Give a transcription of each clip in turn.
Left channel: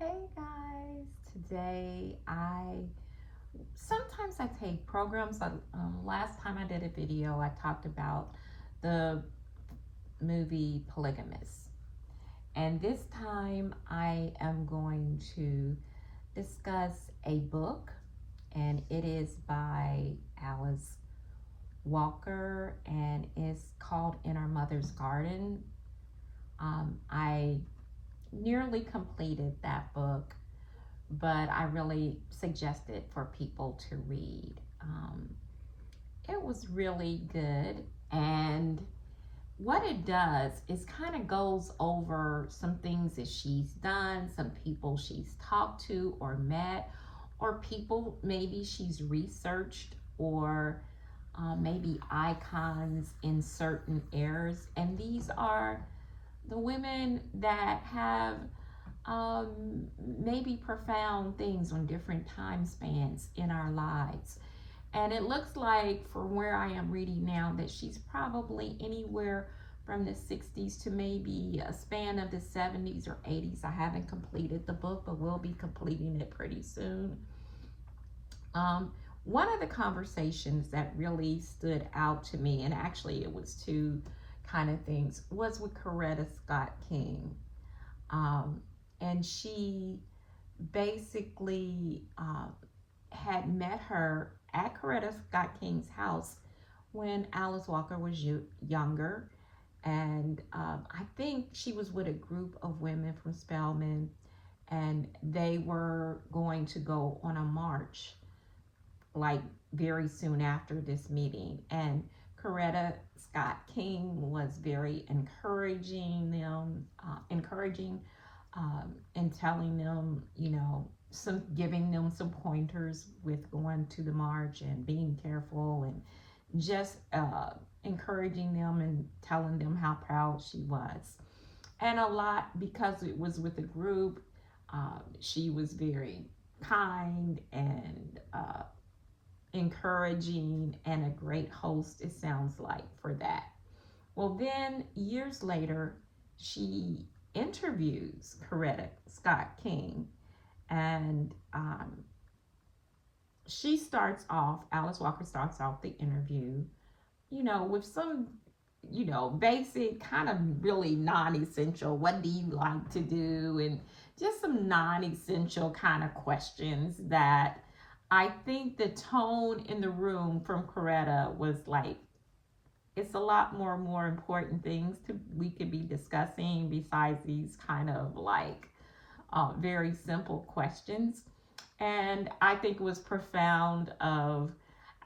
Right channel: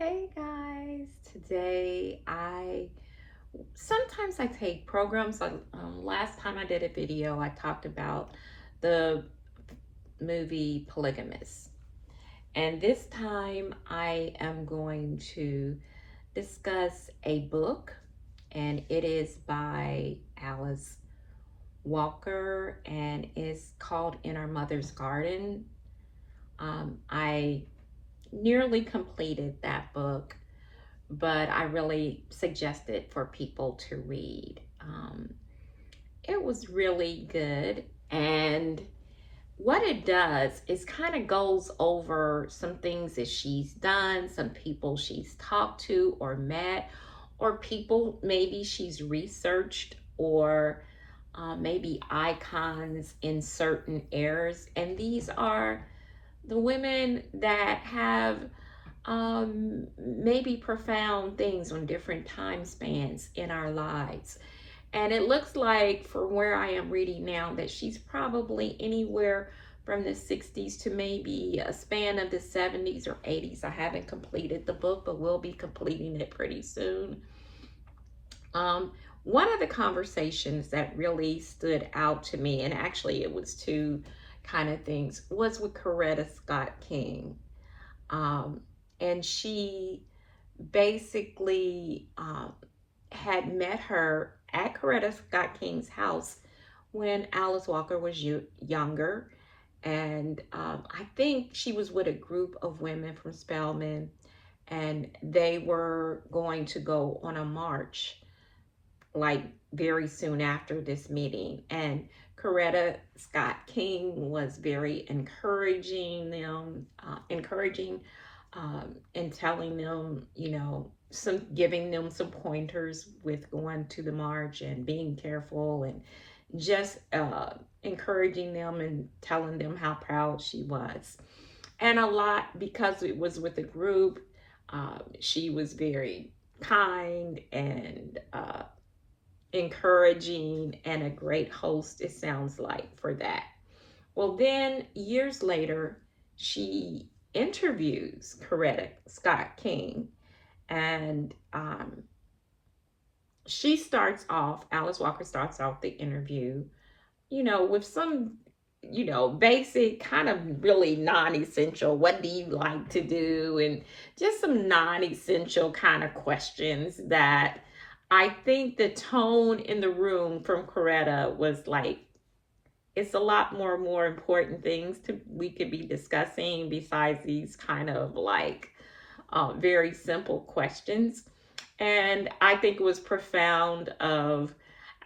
Hey guys, today sometimes I take programs. Last time I did a video, I talked about the movie Polygamous, and this time I am going to discuss a book, and it is by Alice Walker, and it's called In Our Mother's Garden. I nearly completed that book, but I really suggest it for people to read. It was really good. And what it does is kind of goes over some things that she's done, some people she's talked to or met, or people maybe she's researched, or maybe icons in certain eras. And these are the women that have maybe profound things on different time spans in our lives. And it looks like, from where I am reading now, that she's probably anywhere from the 60s to maybe a span of the 70s or 80s. I haven't completed the book, but we'll be completing it pretty soon. Um, One of the conversations that really stood out to me, and actually it was two kind of things, was with Coretta Scott King. Um, and she basically had met her at Coretta Scott King's house when Alice Walker was younger. And I think she was with a group of women from Spelman, and they were going to go on a march like very soon after this meeting. And Coretta Scott King was very encouraging and telling them, some giving them some pointers with going to the march and being careful, and just encouraging them and telling them how proud she was. And a lot, because it was with a group, she was very kind and encouraging and a great host, it sounds like, for that. Well, then years later, she interviews Coretta Scott King, and Alice Walker starts off the interview, with some, basic kind of really non essential, what do you like to do? And just some non essential kind of questions that I think the tone in the room from Coretta was like, it's a lot more important things to we could be discussing besides these kind of like very simple questions. And I think it was profound of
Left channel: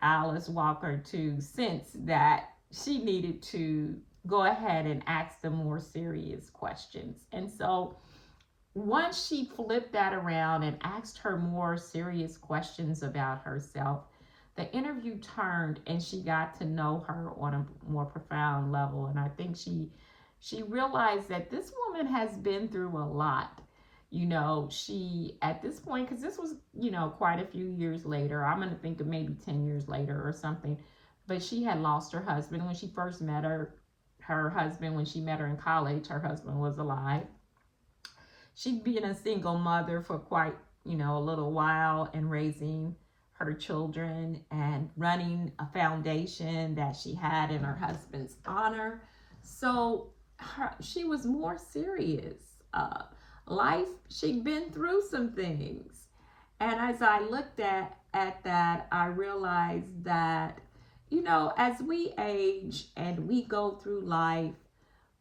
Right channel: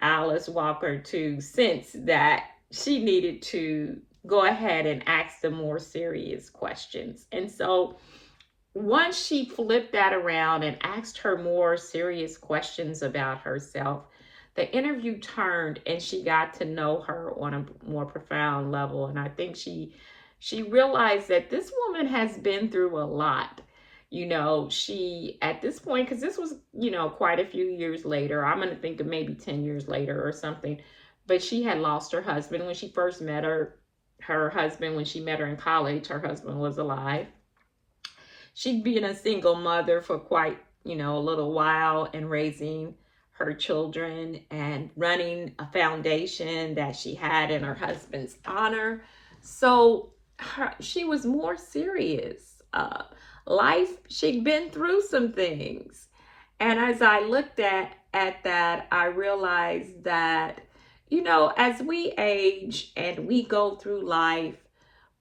Alice Walker to sense that she needed to go ahead and ask the more serious questions. And so once she flipped that around and asked her more serious questions about herself, the interview turned and she got to know her on a more profound level. And I think she realized that this woman has been through a lot. She, at this point, because this was, quite a few years later, I'm going to think of maybe 10 years later or something, but she had lost her husband when she first met her husband, when she met her in college, her husband was alive. She'd been a single mother for quite, a little while, and raising her children and running a foundation that she had in her husband's honor. So she was more serious. Life, she'd been through some things. And as I looked at that, I realized that, as we age and we go through life,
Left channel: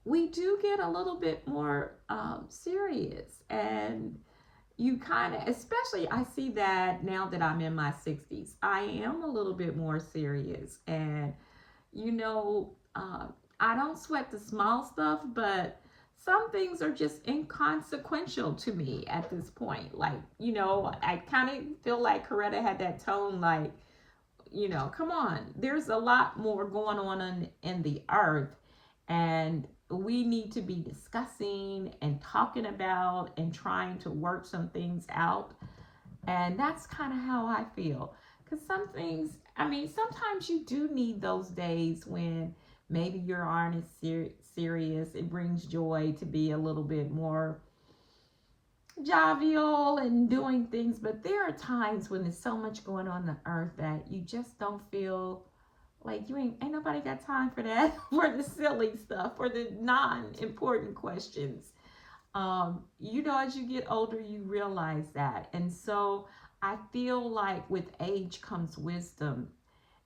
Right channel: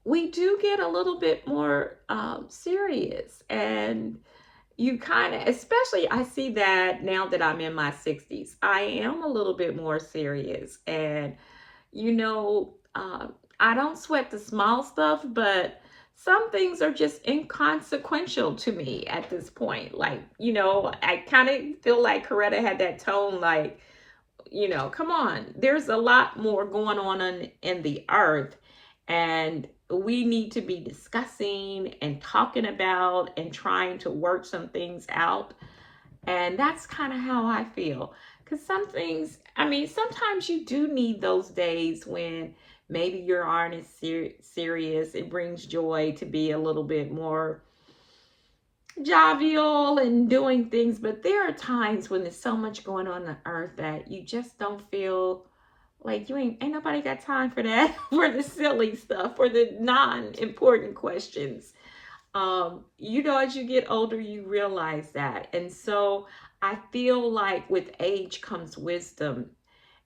we do get a little bit more serious. And you kind of, especially, I see that now that I'm in my 60s, I am a little bit more serious. And, you know, I don't sweat the small stuff, but some things are just inconsequential to me at this point. Like, I kind of feel like Coretta had that tone, like, come on, there's a lot more going on in the earth, and we need to be discussing and talking about and trying to work some things out. And that's kind of how I feel. Because some things, I mean, sometimes you do need those days when maybe you aren't as serious. It brings joy to be a little bit more jovial and doing things, but there are times when there's so much going on the earth that you just don't feel like you ain't nobody got time for that, for the silly stuff, for the non-important questions. As you get older, you realize that. And so I feel like with age comes wisdom.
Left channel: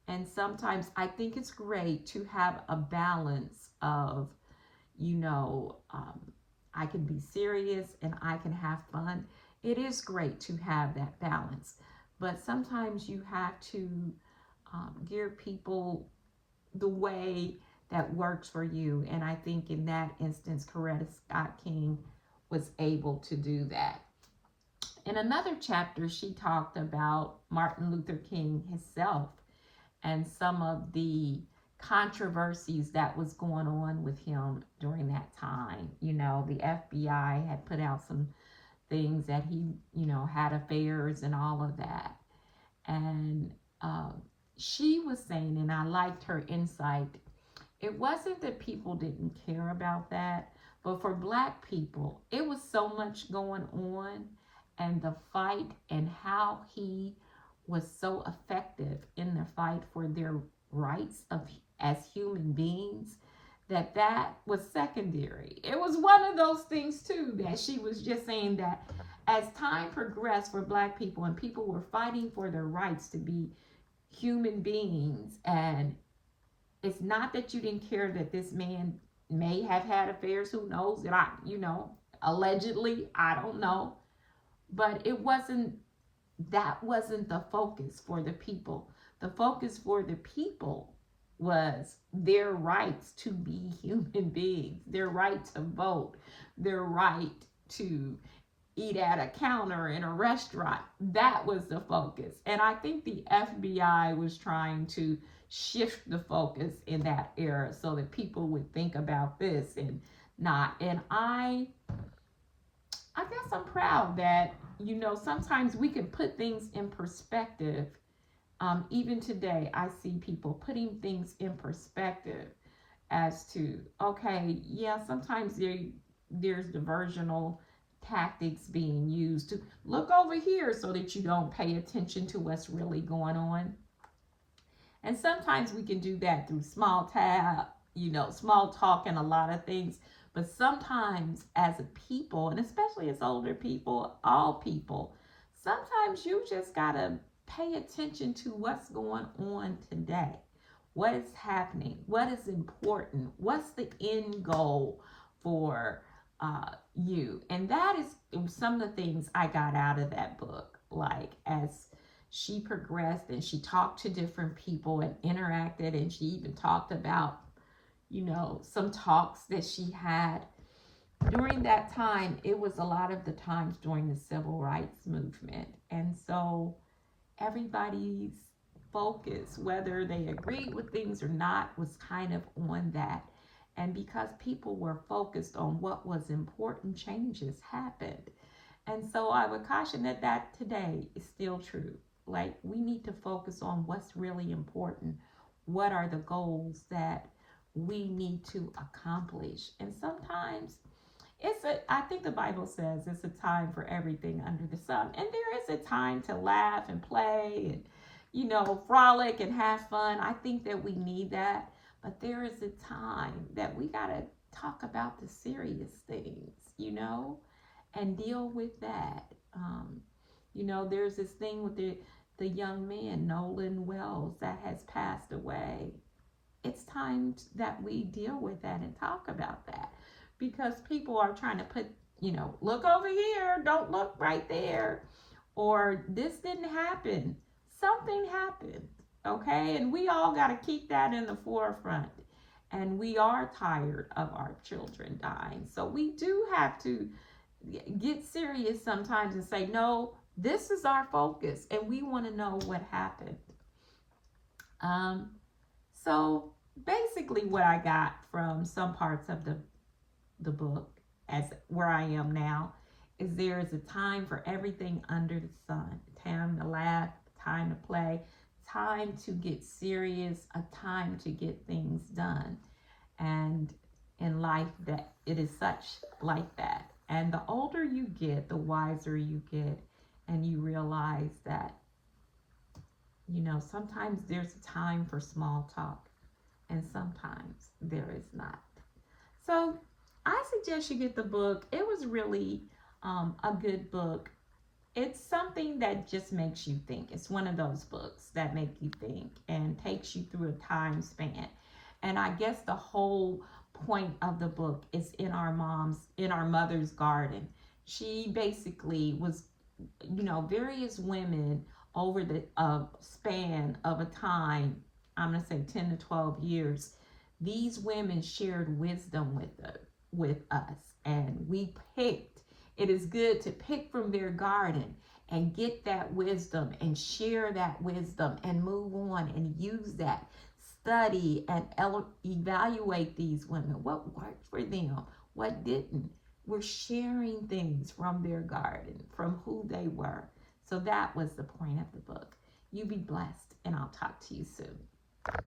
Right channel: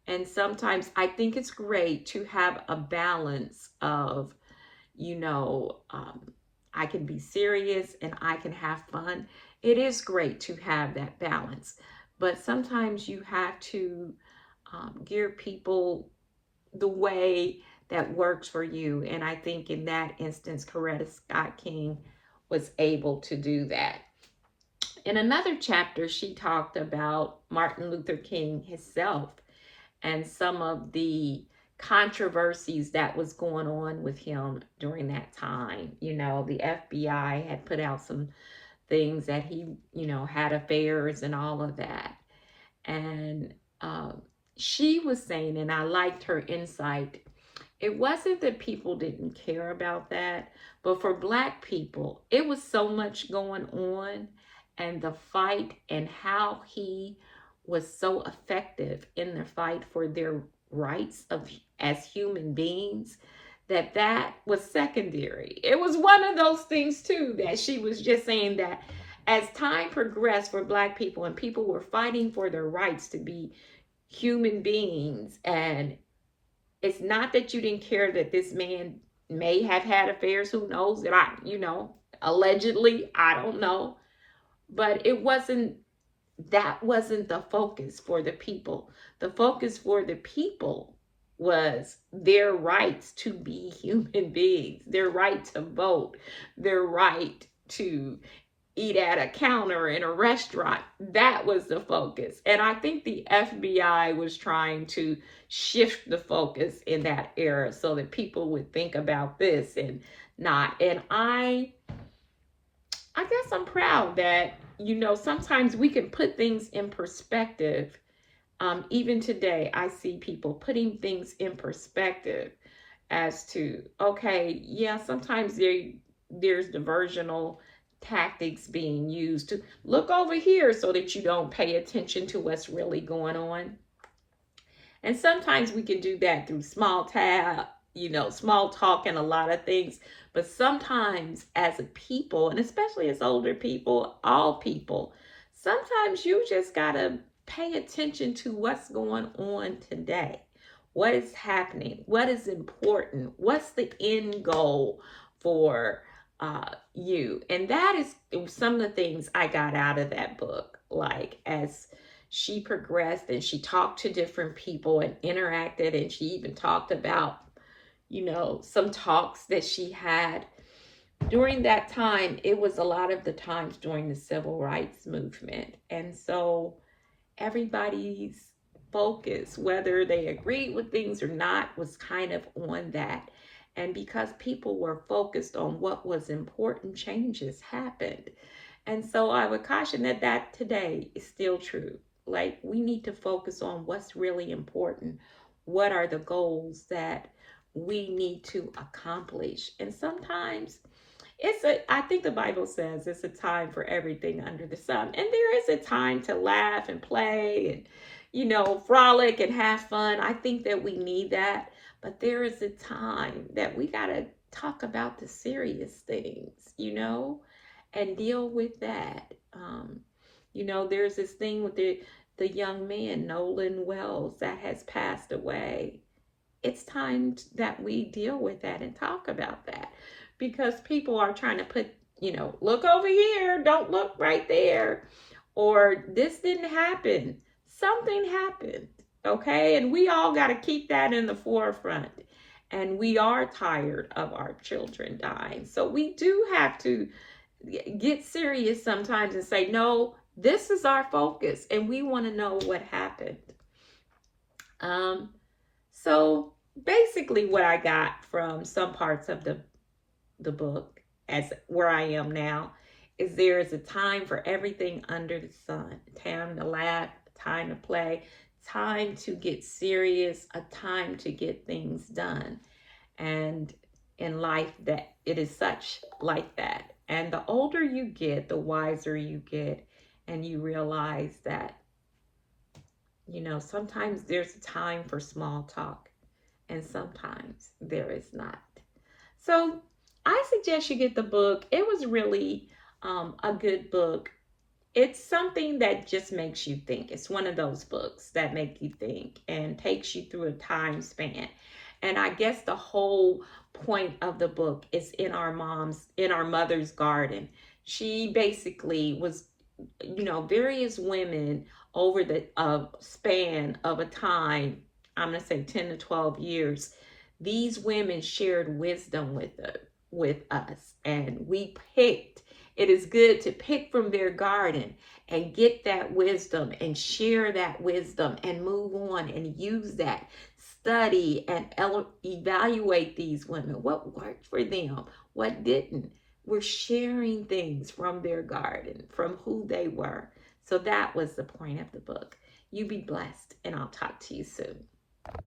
And sometimes I think it's great to have a balance of, you know, um, I can be serious and I can have fun. It is great to have that balance. But sometimes you have to gear people the way that works for you. And I think in that instance, Coretta Scott King was able to do that. In another chapter, she talked about Martin Luther King himself and some of the controversies that was going on with him during that time. The FBI had put out some things that he, had affairs and all of that. And she was saying, and I liked her insight, it wasn't that people didn't care about that, but for Black people, it was so much going on, and the fight and how he was so effective in the fight for their rights of as human beings, that was secondary. It was one of those things too that she was just saying that as time progressed for Black people and people were fighting for their rights to be human beings, and it's not that you didn't care that this man may have had affairs. Who knows? That allegedly, I don't know. But that wasn't the focus for the people. The focus for the people was their rights to be human beings, their right to vote, their right to eat at a counter in a restaurant. That was the focus. And I think the FBI was trying to shift the focus in that era so that people would think about this and not. And I guess I'm proud that, sometimes we can put things in perspective. Even today, I see people putting things in perspective as to, okay, yeah, sometimes there's diversional tactics being used to look over here so that you don't pay attention to what's really going on. And sometimes we can do that through small talk and a lot of things. But sometimes as a people, and especially as older people, all people, sometimes you just got to pay attention to what's going on today. What is happening? What is important? What's the end goal for you? And that is some of the things I got out of that book. Like, as she progressed and she talked to different people and interacted, and she even talked about, some talks that she had during that time. It was a lot of the times during the civil rights movement. And so everybody's focus, whether they agreed with things or not, was kind of on that. And because people were focused on what was important, changes happened. And so I would caution that today is still true. Like, we need to focus on what's really important. What are the goals that we need to accomplish? And sometimes I think the Bible says it's a time for everything under the sun. And there is a time to laugh and play and, frolic and have fun. I think that we need that. But there is a time that we got to talk about the serious things, and deal with that. There's this thing with the young man, Nolan Wells, that has passed away. It's time that we deal with that and talk about that, because people are trying to put, look over here, don't look right there, or this didn't happen. Something happened, okay? And we all got to keep that in the forefront. And we are tired of our children dying. So we do have to get serious sometimes and say, no, this is our focus and we want to know what happened. So basically what I got from some parts of the book, as where I am now, is there is a time for everything under the sun. Time to laugh, time to play, time to get serious, a time to get things done. And in life, that it is such like that. And the older you get, the wiser you get, and you realize that, sometimes there's a time for small talk, and sometimes there is not. So I suggest you get the book. It was really a good book. It's something that just makes you think. It's one of those books that make you think and takes you through a time span. And I guess the whole point of the book is in our mother's garden. She basically was, various women over the span of a time, I'm going to say 10 to 12 years, these women shared wisdom with us, and we picked. It is good to pick from their garden and get that wisdom and share that wisdom and move on and use that. Study and evaluate these women. What worked for them? What didn't? We're sharing things from their garden, from who they were. So that was the point of the book. You be blessed, and I'll talk to you soon.